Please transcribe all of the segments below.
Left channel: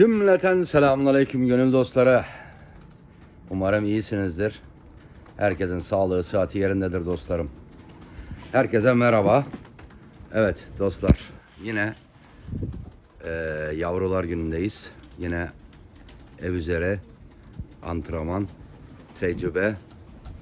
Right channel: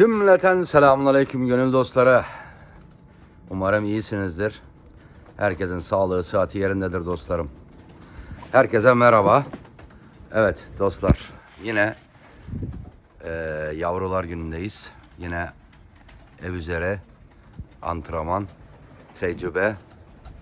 Cümleten selamünaleyküm gönül dostları. Umarım iyisinizdir. Herkesin sağlığı, sıhhati yerindedir dostlarım. Herkese merhaba. Evet dostlar, yine eee, yavrular günündeyiz. Yine ev üzere antrenman, tecrübe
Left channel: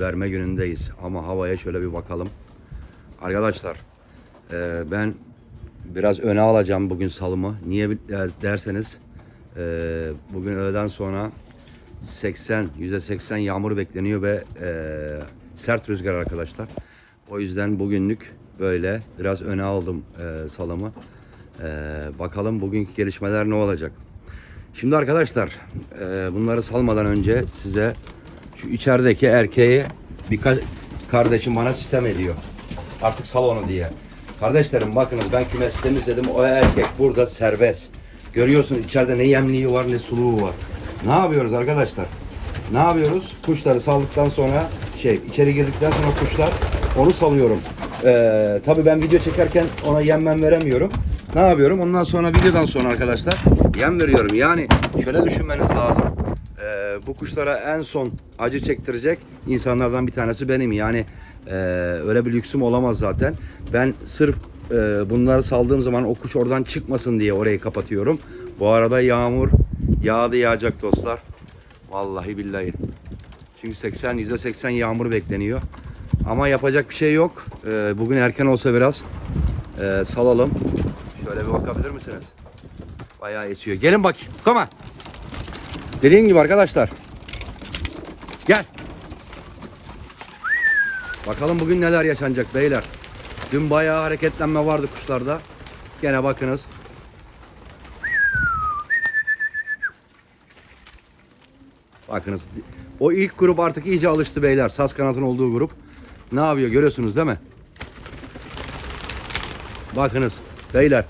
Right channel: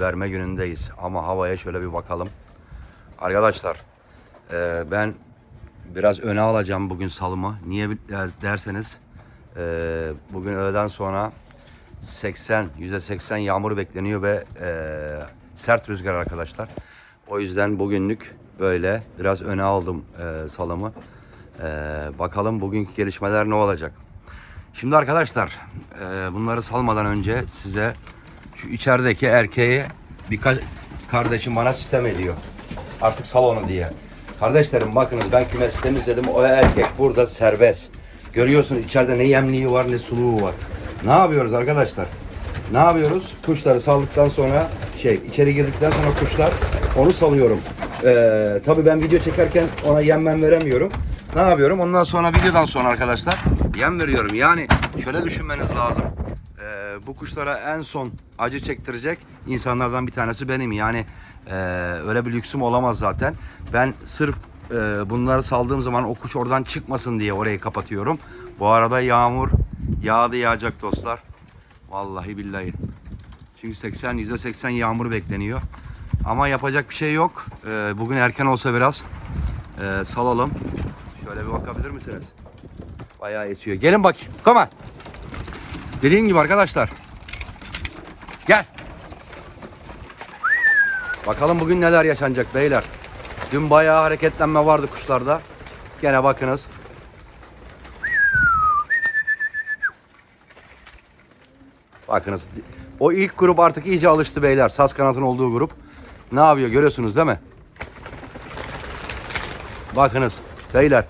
verme günündeyiz. Ama havaya şöyle bir bakalım. Arkadaşlar, eee, ben biraz öne alacağım bugün salımı. Niye der- derseniz ee, bugün öğleden sonra 80, %80 yağmur bekleniyor ve ee, sert rüzgar arkadaşlar. O yüzden bugünlük böyle biraz öne aldım ee, salımı. Ee, bakalım bugünkü gelişmeler ne olacak. Şimdi arkadaşlar ee, bunları salmadan önce size şu içerideki erkeği birkaç kardeşim bana sistem ediyor. Artık salonu diye. Kardeşlerim bakınız ben kümesi temizledim. O erkek burada serbest. Görüyorsun içeride ne yemliği var ne suluğu var. Ne yapıyoruz arkadaşlar? Ne yapıyoruz? Kuşları saldıktan sonra şey içeri girdikten sonra kuşlar onu salıyorum. Ee, tabii ben video çekerken ona yem veremiyorum. Ne yapıyorum? Ondan sonra videodan sonra arkadaşlar yem veriyorum. Yani şöyle düşünmeniz lazım. Ee, bu kuşlara en son acı çektirecek insanlardan bir tanesi benim. Yani e, öyle bir lüksüm olamaz zaten. Ben sırf e, bunları saldığım zaman o kuş oradan çıkmasın diye orayı kapatıyorum. Bu arada yağmur yağdı yağacak dostlar. Vallahi billahi. Çünkü 80 %80 yağmur bekleniyor. Ama yapacak bir şey yok. Ee, bugün erken olsa biraz e, salalım. Şöyle bir bakabilir misiniz? Bayağı esiyor. Gelin bak. On. Dediğim gibi arkadaşlar. Gel. Bakalım bugün neler yaşanacak beyler. Dün bayağı hareketlenme vardı kuşlarda. Gene bakınız. Bakınız. O ilk grup artık iyice alıştı beyler. Saz kanatın olduğu grup. Ne yapıyor görüyorsunuz değil mi? Bakınız beyler.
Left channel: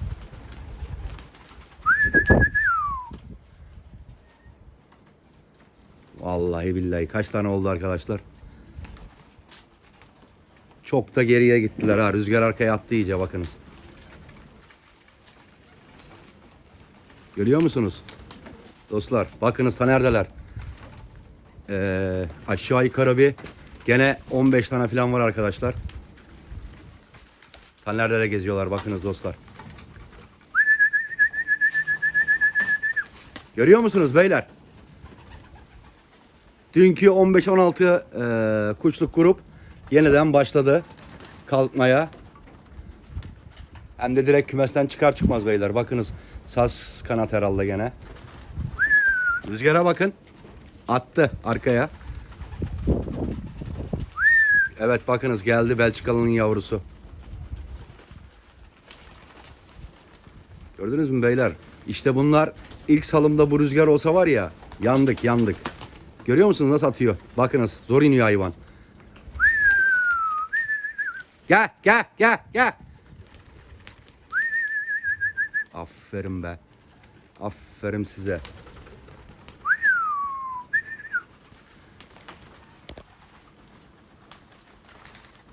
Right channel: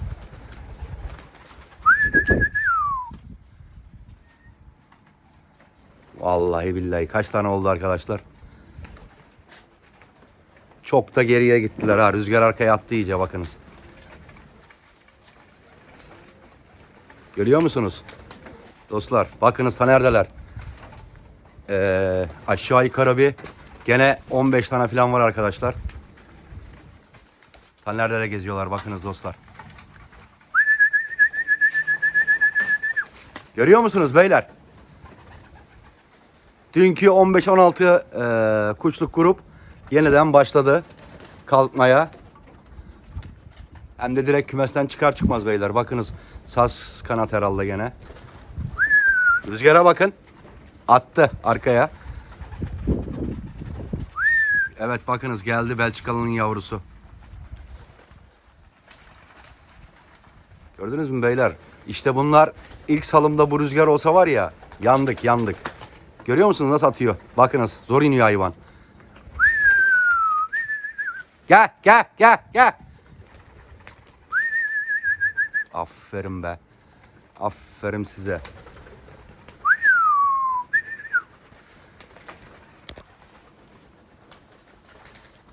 Vallahi billahi kaç tane oldu arkadaşlar? Çok da geriye gittiler ha. Rüzgar arkaya attı iyice bakınız. Görüyor musunuz? Dostlar bakınız ta neredeler? Ee, aşağı yukarı bir gene 15 tane falan var arkadaşlar. Ta nerede geziyorlar bakınız dostlar. Görüyor musunuz beyler? Dünkü 15-16 e, kuşluk grup yeniden başladı kalkmaya. Hem de direkt kümesten çıkar çıkmaz beyler. Bakınız saz kanat herhalde gene. Rüzgara bakın. Attı arkaya. Evet bakınız geldi Belçikalı'nın yavrusu. Gördünüz mü beyler? İşte bunlar ilk salımda bu rüzgar olsa var ya yandık yandık. Görüyor musunuz nasıl atıyor? Bakınız zor iniyor hayvan. Gel gel gel gel. Aferin be. Aferin size.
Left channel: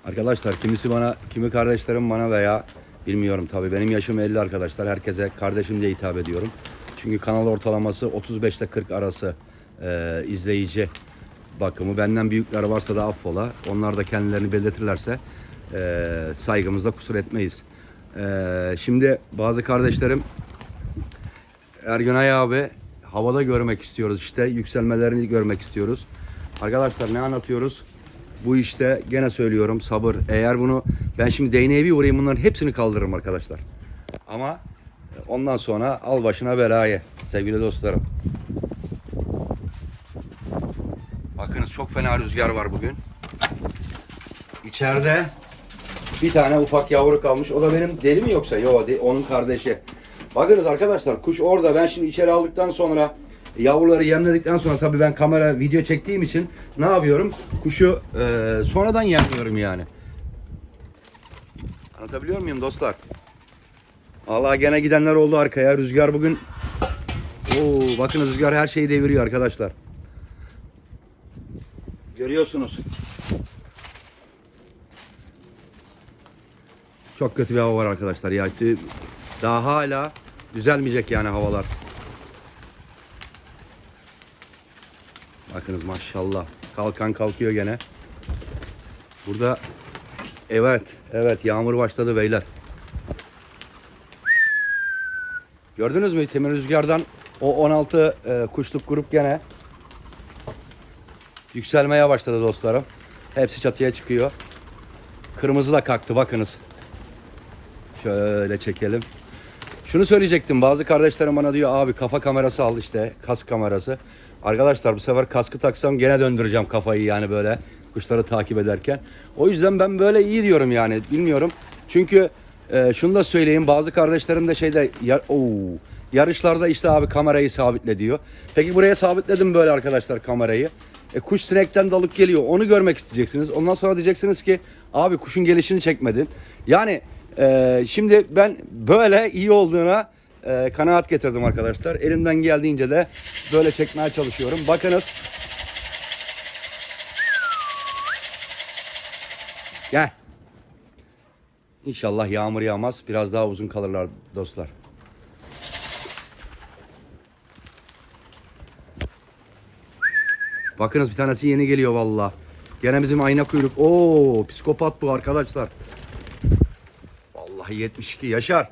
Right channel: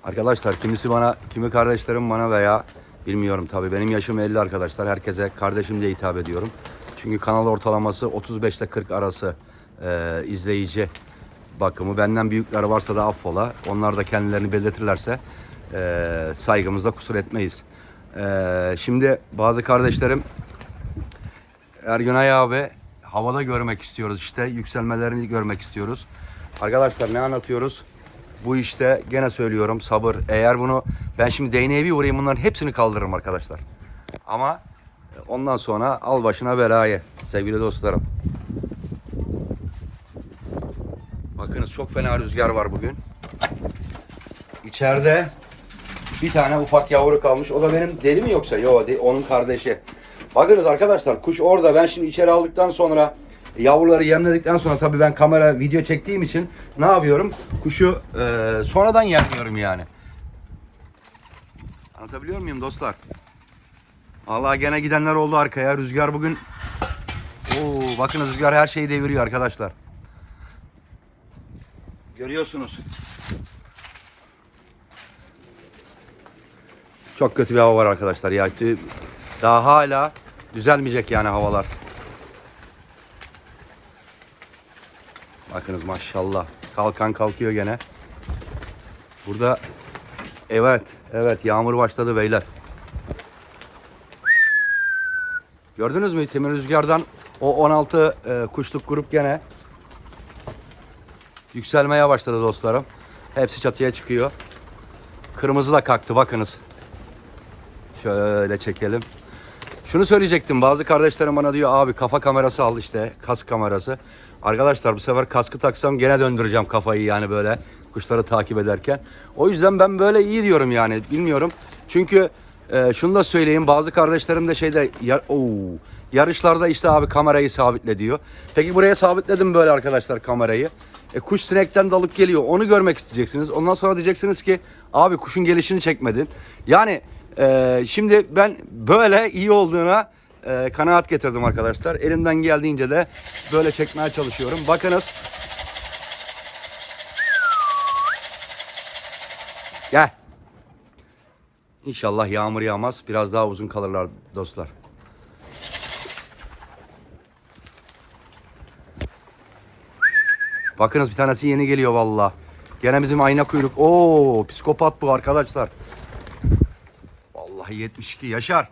Arkadaşlar kimisi bana, kimi kardeşlerim bana veya bilmiyorum tabii benim yaşım 50 arkadaşlar. Herkese kardeşim diye hitap ediyorum. Çünkü kanal ortalaması 35 ile 40 arası e, izleyici bakımı. Benden büyükler varsa da affola. Onlar da kendilerini belirtirlerse e, saygımızda kusur etmeyiz. E, şimdi bazı kardeşlerim Ergünay abi havada görmek istiyoruz işte. Yükselmelerini görmek istiyoruz. Arkadaşlar ne anlatıyoruz? Bu işte gene söylüyorum sabır. Eğer bunu ben şimdi değneğe bir vurayım bunların hepsini kaldırırım arkadaşlar. Ama ondan sonra al başına belayı sevgili dostlarım. Bakınız çok fena rüzgar var bugün. İçeride bir tane ufak yavru kalmış. O da benim deli mi yoksa? Yok onun kardeşi. Bakınız arkadaşlar kuş orada. Ben şimdi içeri aldıktan sonra yavruları yemledikten sonra tabii ben kamera video çektiğim için ne yapıyorum? Kuşu e, sonradan yemliyorum yani. Anlatabiliyor muyum dostlar? Allah gene gidenler oldu arkaya. Rüzgar bugün Oo, bakın rüzgar her şeyi deviriyor arkadaşlar. Görüyorsunuz. Çok kötü bir hava var arkadaşlar ya. Daha hala düzelmeyecek yani havalar. Bakınız maşallah. Kalkan kalkıyor gene. Burada evet evet yağmur başladı beyler. Gördünüz mü Temir Rüzgar'dan o 16 e, kuşluk grup gene yükselmeye başladı dostlarım. Hepsi çatıya çıkıyor. Kırmızı da kalktı bakınız. Şöyle çekelim. Şunu söyleyecektim. Bazı kardeşlerim bana diyor abi kafa kamerası al işte kask kamerası. Arkadaşlar bu sefer kaskı taksam gene döndüreceğim kafayı yani böyle kuşları takip ederken. O yüzden ben böyle iyi diyorum yani bilmiyorum. Çünkü e, şunu da söyleyeyim bazı kardeşlerim de şeyde ya, Oo, yarışlarda işte abi kamerayı sabitle diyor. Peki buraya sabitledim böyle arkadaşlar kamerayı. E, kuş sinekten dalıp geliyor onu görmek isteyeceksiniz. Ondan sonra diyeceksiniz ki abi kuşun gelişini çekmedin. Yani ee, şimdi ben böyle iyi olduğuna e, kanaat getirdim arkadaşlar. Elimden geldiğince de böyle çekmeye çalışıyorum. Bakınız. Gel. İnşallah yağmur yağmaz. Biraz daha uzun kalırlar dostlar. Bakınız bir tanesi yeni geliyor valla. Gene bizim ayna kuyruk. Oo, psikopat bu arkadaşlar. Vallahi 72 yaşar.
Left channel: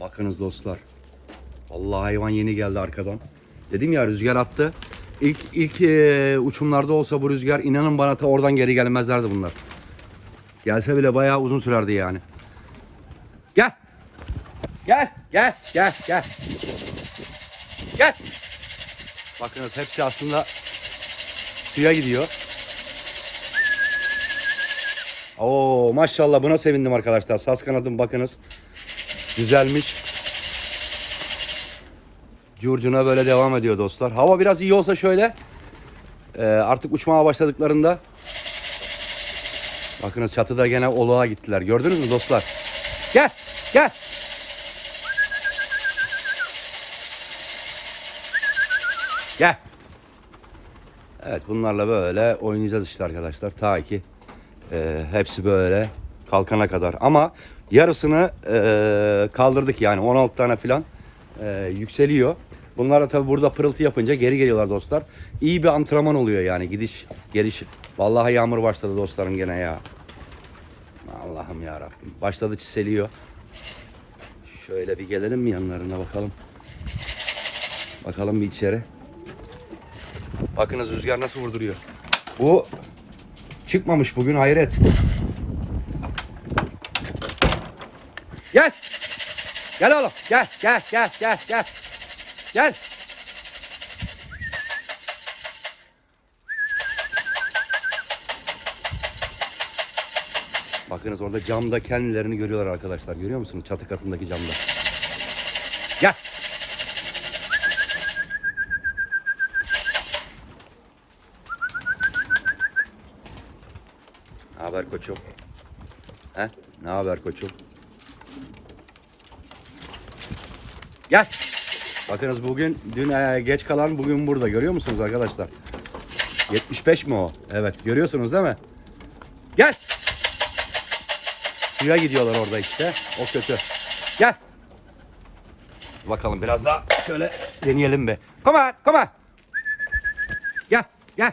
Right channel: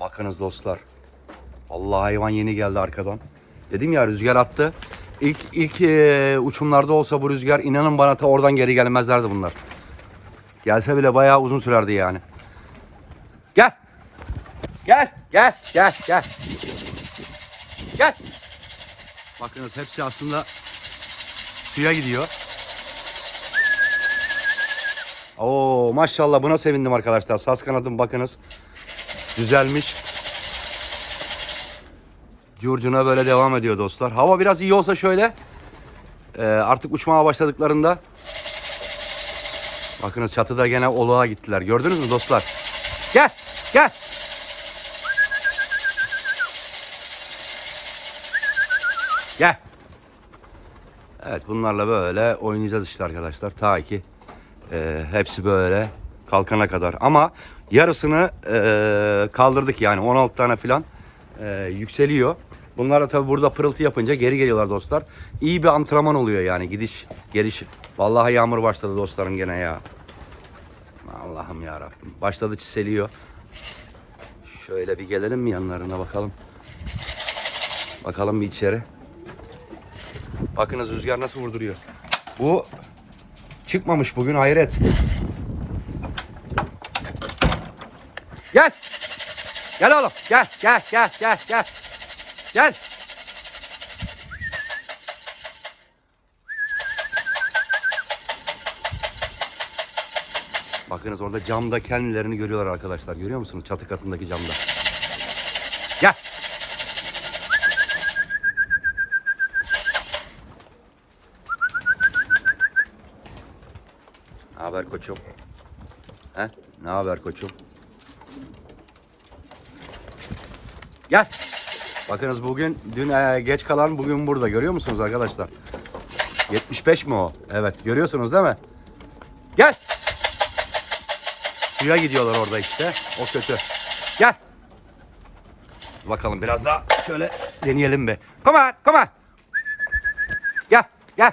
Bakınız dostlar. Vallahi hayvan yeni geldi arkadan. Dedim ya rüzgar attı. İlk ilk e, uçumlarda olsa bu rüzgar inanın bana ta oradan geri gelmezlerdi bunlar. Gelse bile bayağı uzun sürerdi yani. Gel. Gel, gel, gel, gel. Gel. Bakınız hepsi aslında suya gidiyor. Oo maşallah buna sevindim arkadaşlar. Saz kanadım bakınız. Güzelmiş. Curcuna böyle devam ediyor dostlar. Hava biraz iyi olsa şöyle e, artık uçmaya başladıklarında bakınız çatıda gene oluğa gittiler. Gördünüz mü dostlar? Gel gel. Gel. Evet bunlarla böyle oynayacağız işte arkadaşlar. Ta ki e, hepsi böyle kalkana kadar. Ama yarısını e, kaldırdık yani 16 tane falan e, yükseliyor. Bunlar da tabi burada pırıltı yapınca geri geliyorlar dostlar. İyi bir antrenman oluyor yani gidiş geliş. Vallahi yağmur başladı dostlarım gene ya. Allah'ım ya Rabbim. Başladı çiseliyor. Şöyle bir gelelim mi yanlarına bakalım. Bakalım bir içeri. Bakınız rüzgar nasıl vurduruyor. Bu çıkmamış bugün hayret. Gel. Gel oğlum. Gel, gel, gel, gel, gel. Gel. Bakınız orada camda kendilerini görüyorlar arkadaşlar. Görüyor musunuz? Çatı katındaki camda. Haber koçum? He? Ne haber koçum? Gel. Bakınız bugün dün e, geç kalan bugün burada görüyor musunuz arkadaşlar? 75 mi o? Evet görüyorsunuz değil mi? Gel. Suya gidiyorlar orada işte. O kötü. Gel. Bakalım biraz daha şöyle deneyelim bir. Come on, come on. Gel, gel.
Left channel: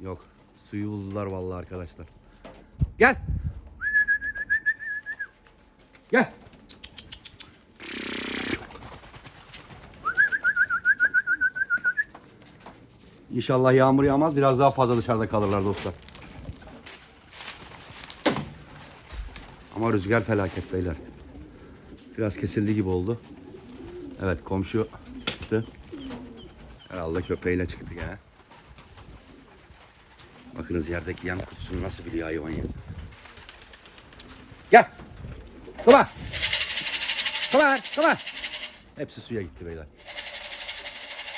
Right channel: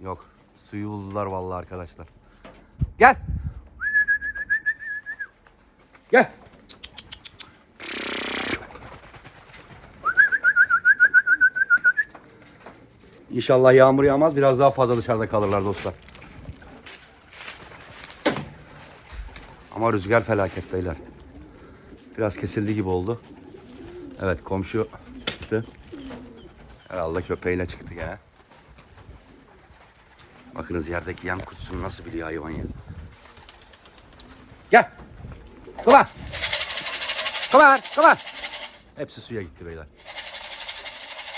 Yok. Suyu buldular vallahi arkadaşlar. Gel. Gel. İnşallah yağmur yağmaz. Biraz daha fazla dışarıda kalırlar dostlar. Ama rüzgar felaket beyler. Biraz kesildi gibi oldu. Evet komşu çıktı. Herhalde köpeğiyle çıktı gene. Bakınız yerdeki yem kutusunu nasıl biliyor hayvan ya. Gel. On. Come on. Hepsi suya gitti beyler.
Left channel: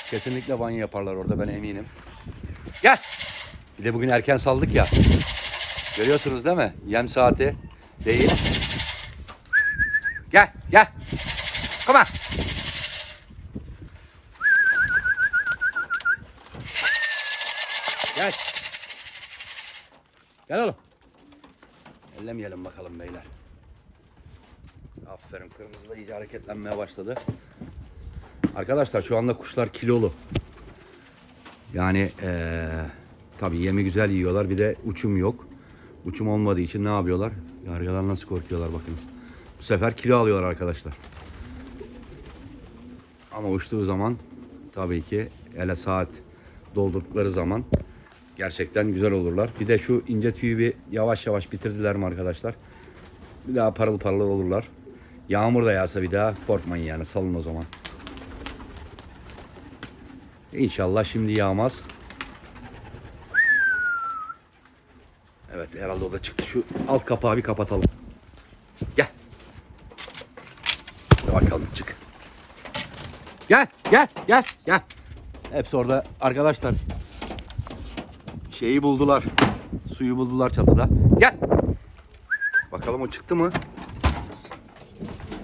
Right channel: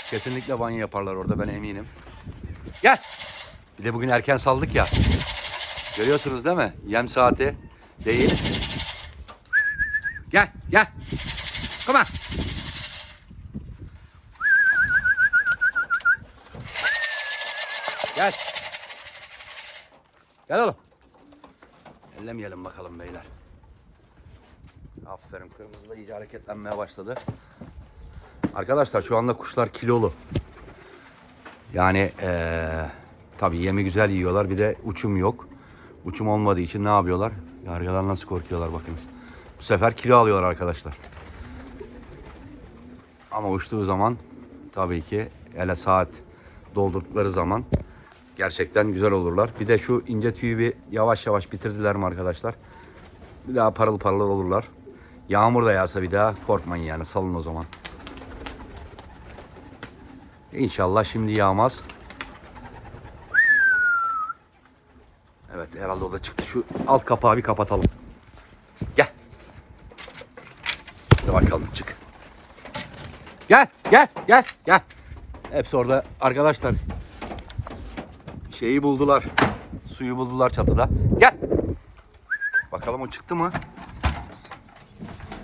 Kesinlikle banyo yaparlar orada ben eminim. Gel. Bir de bugün erken saldık ya. Görüyorsunuz değil mi? Yem saati değil. Gel, gel. On. Gel. Gel oğlum. Ellemeyelim bakalım beyler. Aferin kırmızı da iyice hareketlenmeye başladı. Arkadaşlar şu anda kuşlar kilolu. Yani eee tabii yemi güzel yiyorlar. Bir de uçum yok. Uçum olmadığı için ne yapıyorlar? Yargılar nasıl korkuyorlar bakın. Bu sefer kilo alıyorlar arkadaşlar. Ama uçtuğu zaman tabii ki hele saat doldurdukları zaman gerçekten güzel olurlar. Bir de şu ince tüyü bir yavaş yavaş bitirdiler mi arkadaşlar? Bir daha parıl parıl olurlar. Yağmur da yağsa bir daha korkmayın yani salın o zaman. İnşallah şimdi yağmaz. Evet herhalde o da çıktı. Şu alt kapağı bir kapatalım. Gel. Hadi bakalım çık. Gel gel gel gel. Hepsi orada arkadaşlar. Şeyi buldular. Suyu buldular çatıda. Gel. Bakalım o çıktı mı?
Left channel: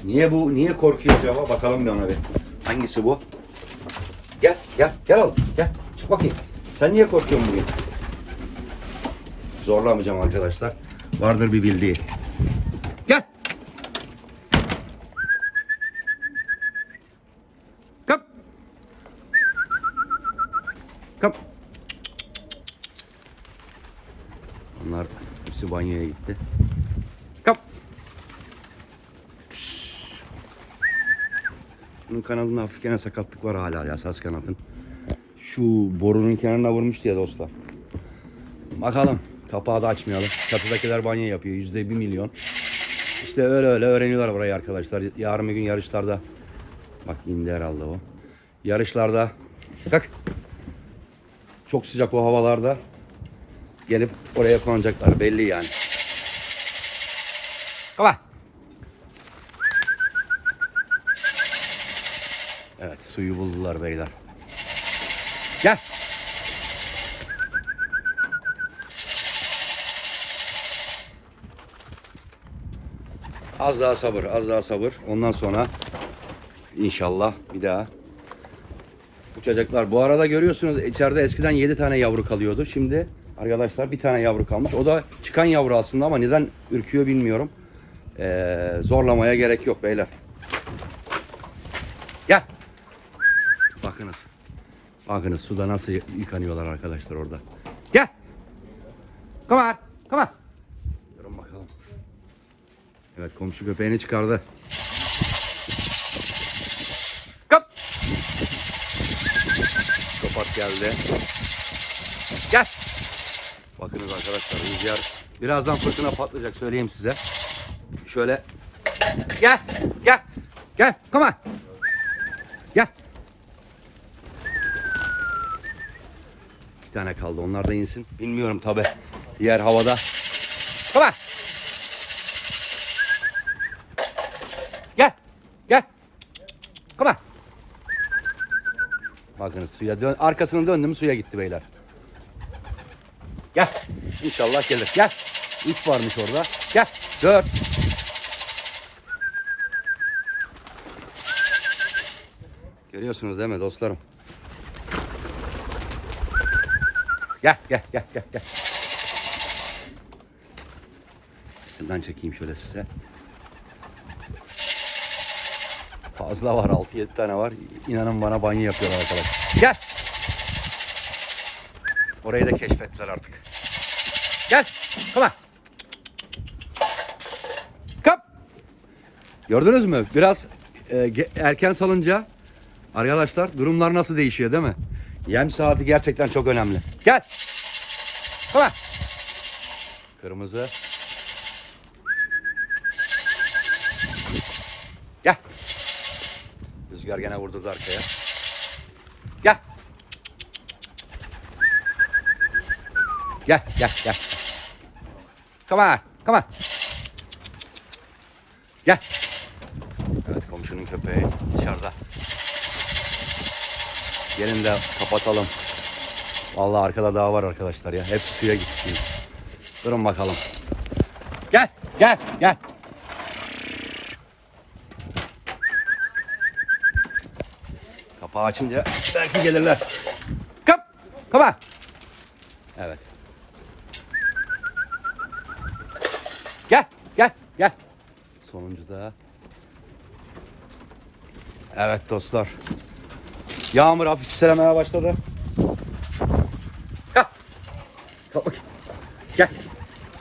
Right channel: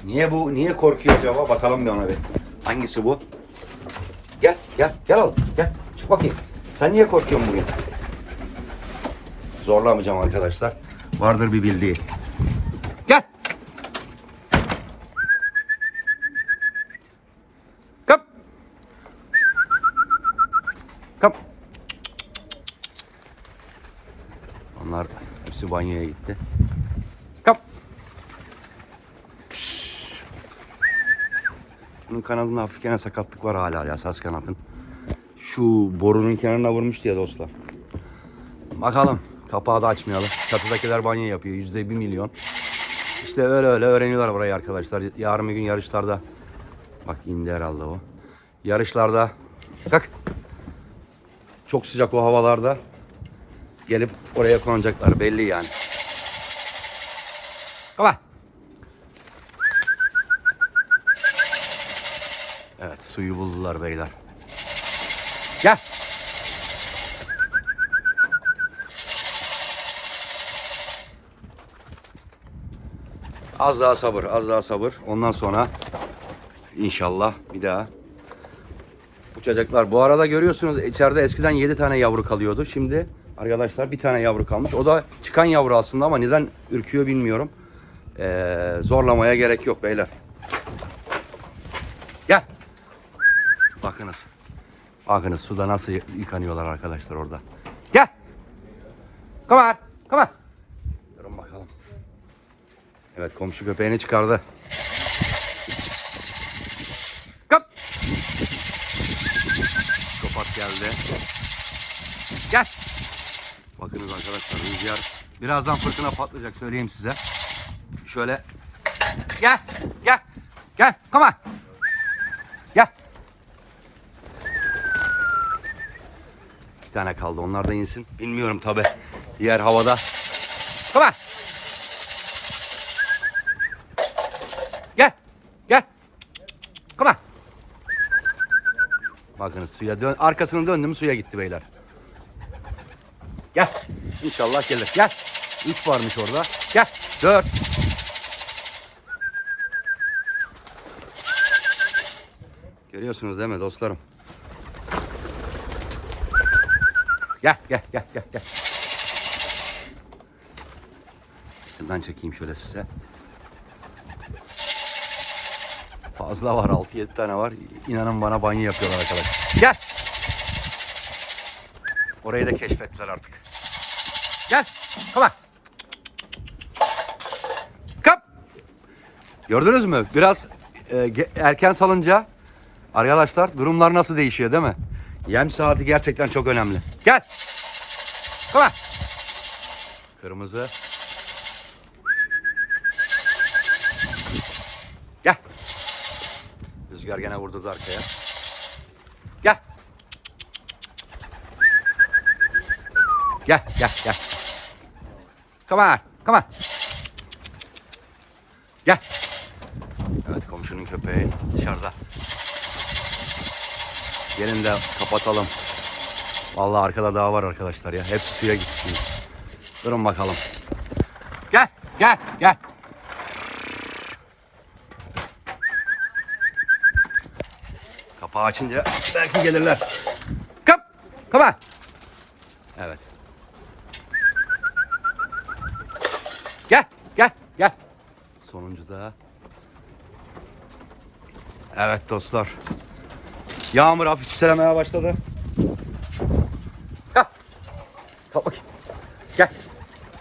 Niye bu? Niye korkuyor acaba? Bakalım bir ona bir. Hangisi bu? Gel, gel, gel oğlum. Gel. Çık bakayım. Sen niye korkuyorsun bugün? Zorlamayacağım arkadaşlar. Vardır bir bildiği. Gel. Kap. Kap. Onlar hepsi banyoya gitti. Kap. Bunun kanadında hafif gene sakatlık var hala ya saz kanadın. Şu borunun kenarına vurmuş diye dostlar. Bakalım. Kapağı da açmayalım. Çatıdakiler banyo yapıyor. Yüzde bir milyon. İşte öyle öyle öğreniyorlar burayı arkadaşlar. Yarın bir gün yarışlarda. Bak indi herhalde o. Yarışlarda. Bak. Çok sıcak o havalarda. Gelip oraya konacaklar belli yani. Baba. Evet suyu buldular beyler. Gel. Az daha sabır, az daha sabır. Ondan sonra inşallah bir daha uçacaklar. Bu arada görüyorsunuz içeride eskiden 7 tane yavru kalıyordu. Şimdi arkadaşlar bir tane yavru kalmış. O da çıkan yavru aslında ama neden ürküyor bilmiyorum. Ee, zorlamaya gerek yok beyler. Gel. Bakınız. Bakınız suda nasıl yıkanıyorlar arkadaşlar orada. Gel. Come on. Come on. Durun bakalım. Evet komşu köpeğini çıkardı. Kap. Kapat geldi. Gel. Bakınız arkadaşlar rüzgar birazdan fırtına patlayacak söyleyeyim size. Şöyle gel gel gel come on. Gel. İki tane kaldı onlar da insin. Bilmiyorum tabi. Yer havada. Come on. Gel. Gel. Come on. Bakın suya dön. Arkasını döndüm suya gitti beyler. Gel. İnşallah gelir. Gel. Üç varmış orada. Gel. Dört. Görüyorsunuz değil mi dostlarım? Gel gel gel gel gel. Şuradan çekeyim şöyle size. Fazla var 6-7 tane var. İnanın bana banyo yapıyorlar arkadaşlar. Gel. Orayı da keşfettiler artık. Gel. Come on. Kap. Gördünüz mü? Biraz e, erken salınca arkadaşlar durumlar nasıl değişiyor değil mi? Yem saati gerçekten çok önemli. Gel. On. Kırmızı. Gel. Rüzgar gene vurdu arkaya. Gel. Gel, gel, gel. Come on, come on. Gel. Evet, komşunun köpeği dışarıda. Gelin de kapatalım. Vallahi arkada daha var arkadaşlar ya. Hepsi suya gitti şimdi. Durun bakalım. Gel, gel, gel. Kapağı açınca belki gelirler. Kap, kapa. Evet. Gel, gel, gel. Sonuncu da. Evet dostlar. Yağmur hafif çiselemeye başladı. Kalk. Kalk bakayım. Gel.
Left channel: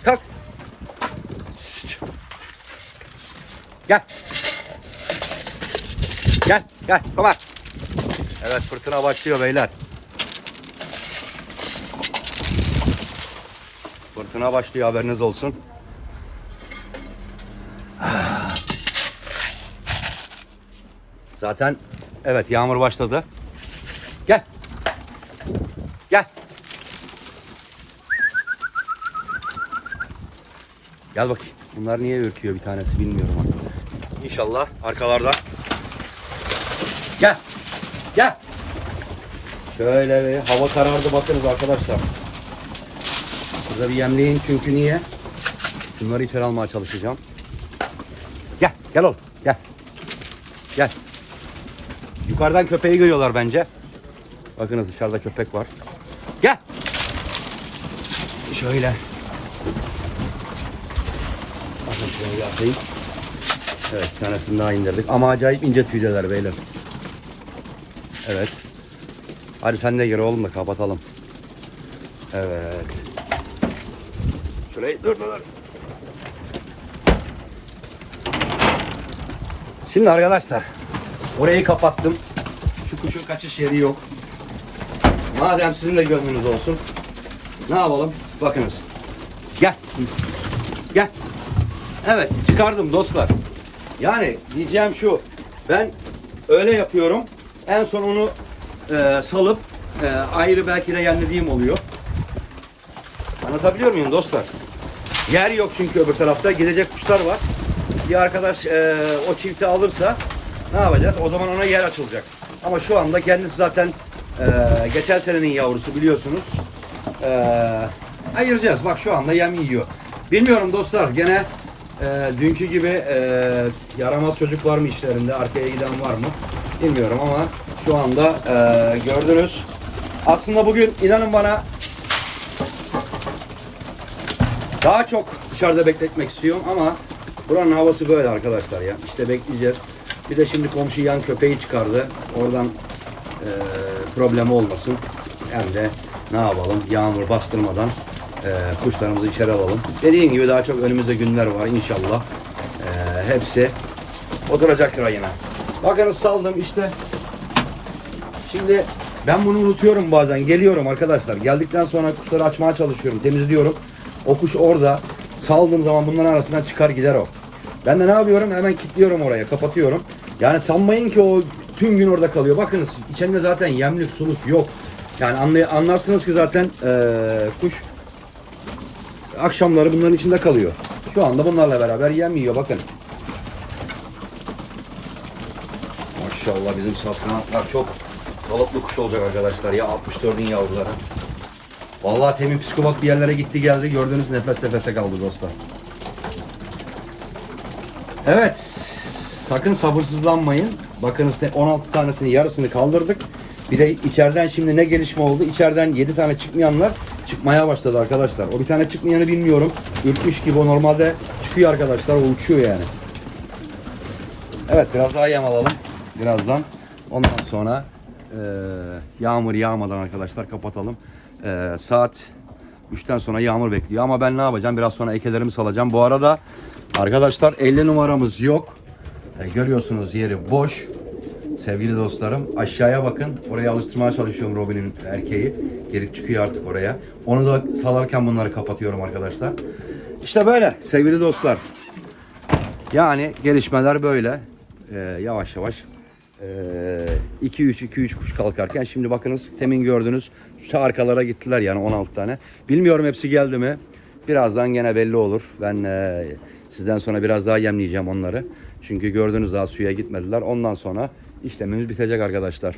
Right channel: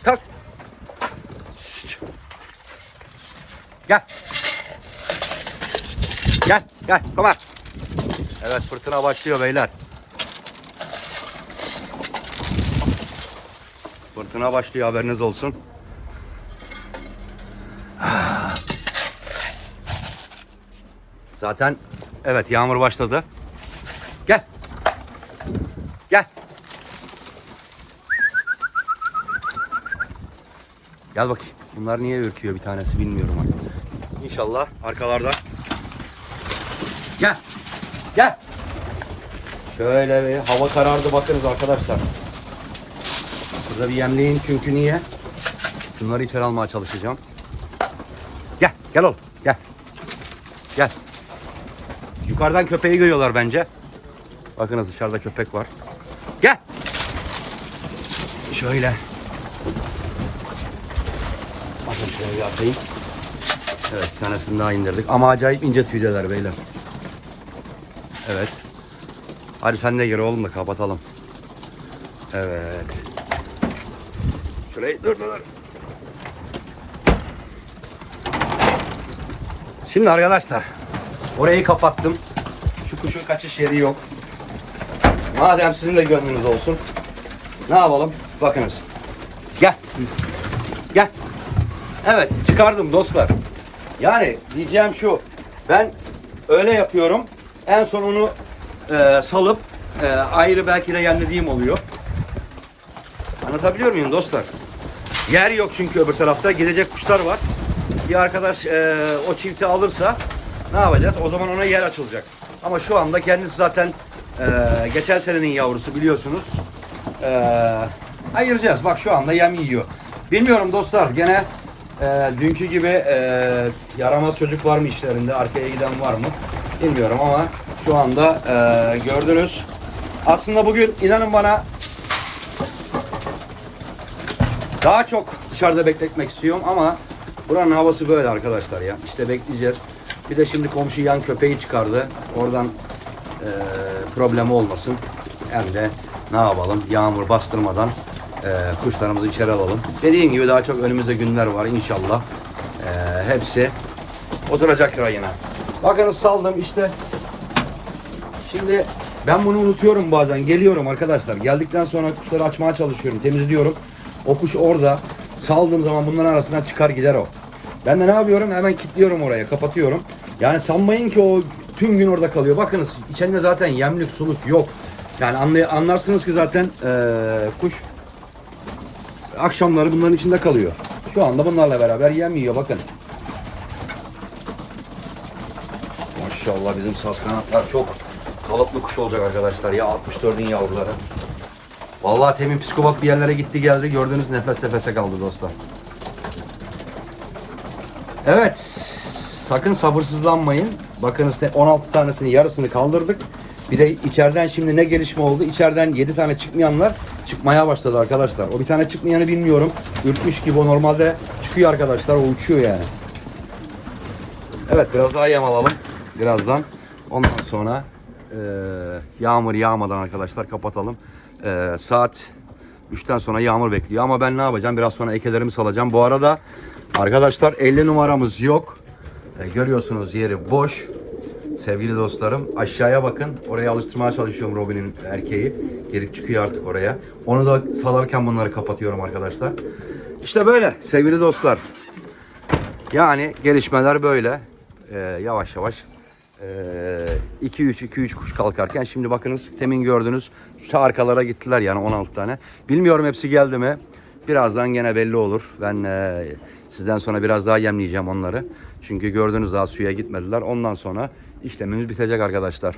Kalk. Şişt. Gel. Gel. Gel. Tamam. Evet fırtına başlıyor beyler. Fırtına başlıyor haberiniz olsun. Zaten evet yağmur başladı. Gel. Gel. Gel bakayım. Bunlar niye ürküyor bir tanesi bilmiyorum. İnşallah arkalarda. Gel. Gel. Şöyle bir hava karardı bakınız arkadaşlar. Burada bir yemleyin çünkü niye? Şunları içeri almaya çalışacağım. Gel, gel oğlum, gel. Gel. Yukarıdan köpeği görüyorlar bence. Bakınız dışarıda köpek var. Gel. Şöyle. Bakın şöyle atayım. Evet, tanesini daha indirdik. Ama acayip ince tüydeler beyler. Evet. Hadi sen de gir oğlum da kapatalım. Evet. Şurayı dur. dur. Şimdi arkadaşlar orayı kapattım. Şu kuşun kaçış yeri yok. Madem sizin de gönlünüz olsun. Ne yapalım? Bakınız. Gel. Gel. Evet çıkardım dostlar. Yani diyeceğim şu. Ben öyle yapıyorum. En son onu e, salıp e, ayrı belki de yemlediğim oluyor. Anlatabiliyor muyum dostlar? Yer yok çünkü öbür tarafta. Gidecek kuşlar var. Bir arkadaş e, o çifti alırsa ne yapacağız? O zaman ona yer açılacak. Ama şu anda kendisi zaten e, geçen senenin yavrusu biliyorsunuz. E, ayıracağız. Bak şu anda yem yiyor. Bilmiyorum dostlar gene e, dünkü gibi e, yaramaz çocuk var mı işlerinde? Arkaya giden var mı? Bilmiyorum ama şu anda e, gördünüz. Aslında bugün inanın bana daha çok dışarıda bekletmek istiyorum ama buranın havası böyle arkadaşlar ya. İşte bekleyeceğiz. Bir de şimdi komşu yan köpeği çıkardı. Oradan eee problemi olmasın. Hem de ne yapalım yağmur bastırmadan eee, kuşlarımızı içeri alalım. Dediğim gibi daha çok önümüzde günler var inşallah. Eee, hepsi oturacaktır yine. Bakınız saldım işte Şimdi ben bunu unutuyorum bazen. Geliyorum arkadaşlar. Geldikten sonra kuşları açmaya çalışıyorum. Temizliyorum. O kuş orada. Saldığım zaman bunların arasından çıkar gider o. Ben de ne yapıyorum? Hemen kilitliyorum oraya. Kapatıyorum. Yani sanmayın ki o tüm gün orada kalıyor. Bakınız içinde zaten yemlik suluk yok. Yani anlay- anlarsınız ki zaten eee, kuş akşamları bunların içinde kalıyor. Şu anda bunlarla beraber yem yiyor bakın. Maşallah bizim saz kanatlar çok kalıplı kuş olacak arkadaşlar ya 64'ün yavruları. Vallahi temin psikopat bir yerlere gitti geldi gördüğünüz nefes nefese kaldı dostlar. Evet sakın sabırsızlanmayın. Bakın size 16 tanesinin yarısını kaldırdık. Bir de içeriden şimdi ne gelişme oldu? İçeriden 7 tane çıkmayanlar çıkmaya başladı arkadaşlar. O bir tane çıkmayanı bilmiyorum. Ürkmüş gibi o normalde çıkıyor arkadaşlar. O uçuyor yani. Evet biraz daha yem alalım birazdan. Ondan sonra e, yağmur yağmadan arkadaşlar kapatalım. E, saat 3'ten sonra yağmur bekliyor ama ben ne yapacağım? Biraz sonra ekelerimi salacağım. Bu arada arkadaşlar 50 numaramız yok. E, görüyorsunuz yeri boş. Sevgili dostlarım aşağıya bakın. Oraya alıştırmaya çalışıyorum Robin'in erkeği. Gelip çıkıyor artık oraya. Onu da salarken bunları kapatıyorum arkadaşlar. İşte böyle sevgili dostlar. Yani gelişmeler böyle. Ee, yavaş yavaş 2-3-2-3 kuş kalkarken şimdi bakınız temin gördünüz şu arkalara gittiler yani 16 tane. Bilmiyorum hepsi geldi mi? Birazdan gene belli olur. Ben e, sizden sonra biraz daha yemleyeceğim onları. Çünkü gördünüz daha suya gitmediler. Ondan sonra işlemimiz bitecek arkadaşlar.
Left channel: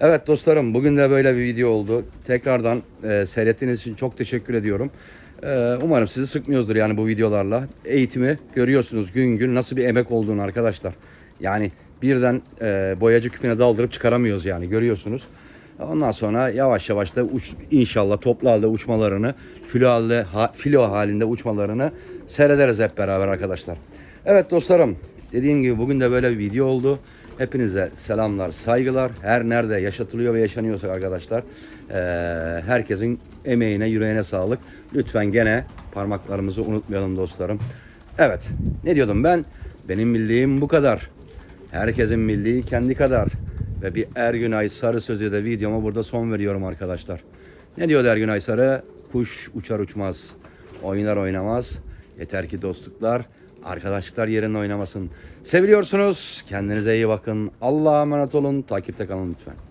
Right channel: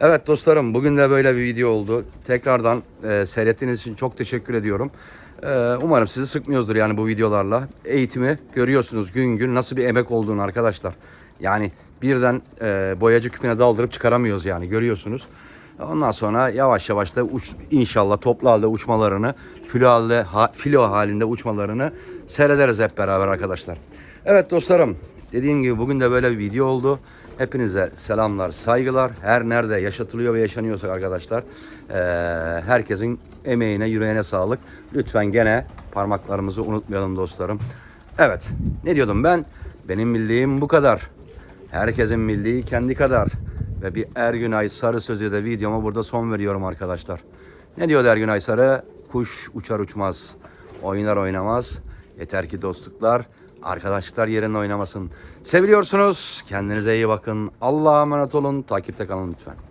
Evet dostlarım bugün de böyle bir video oldu. Tekrardan e, seyrettiğiniz için çok teşekkür ediyorum. Ee, umarım sizi sıkmıyoruzdur yani bu videolarla. Eğitimi görüyorsunuz gün gün nasıl bir emek olduğunu arkadaşlar. Yani birden e, boyacı küpüne daldırıp çıkaramıyoruz yani görüyorsunuz. Ondan sonra yavaş yavaş da uç, inşallah toplu halde uçmalarını, filo halde, ha, filo halinde uçmalarını seyrederiz hep beraber arkadaşlar. Evet dostlarım dediğim gibi bugün de böyle bir video oldu. Hepinize selamlar, saygılar. Her nerede yaşatılıyor ve yaşanıyorsa arkadaşlar herkesin emeğine, yüreğine sağlık. Lütfen gene parmaklarımızı unutmayalım dostlarım. Evet. Ne diyordum ben? Benim bildiğim bu kadar. Herkesin bildiği kendi kadar. Ve bir Ergünay Sarı sözü de videoma burada son veriyorum arkadaşlar. Ne diyor Ergünay Sarı? Kuş uçar uçmaz. Oynar oynamaz. Yeter ki dostluklar, arkadaşlar yerinde oynamasın. Seviliyorsunuz. Kendinize iyi bakın. Allah'a emanet olun. Takipte kalın lütfen.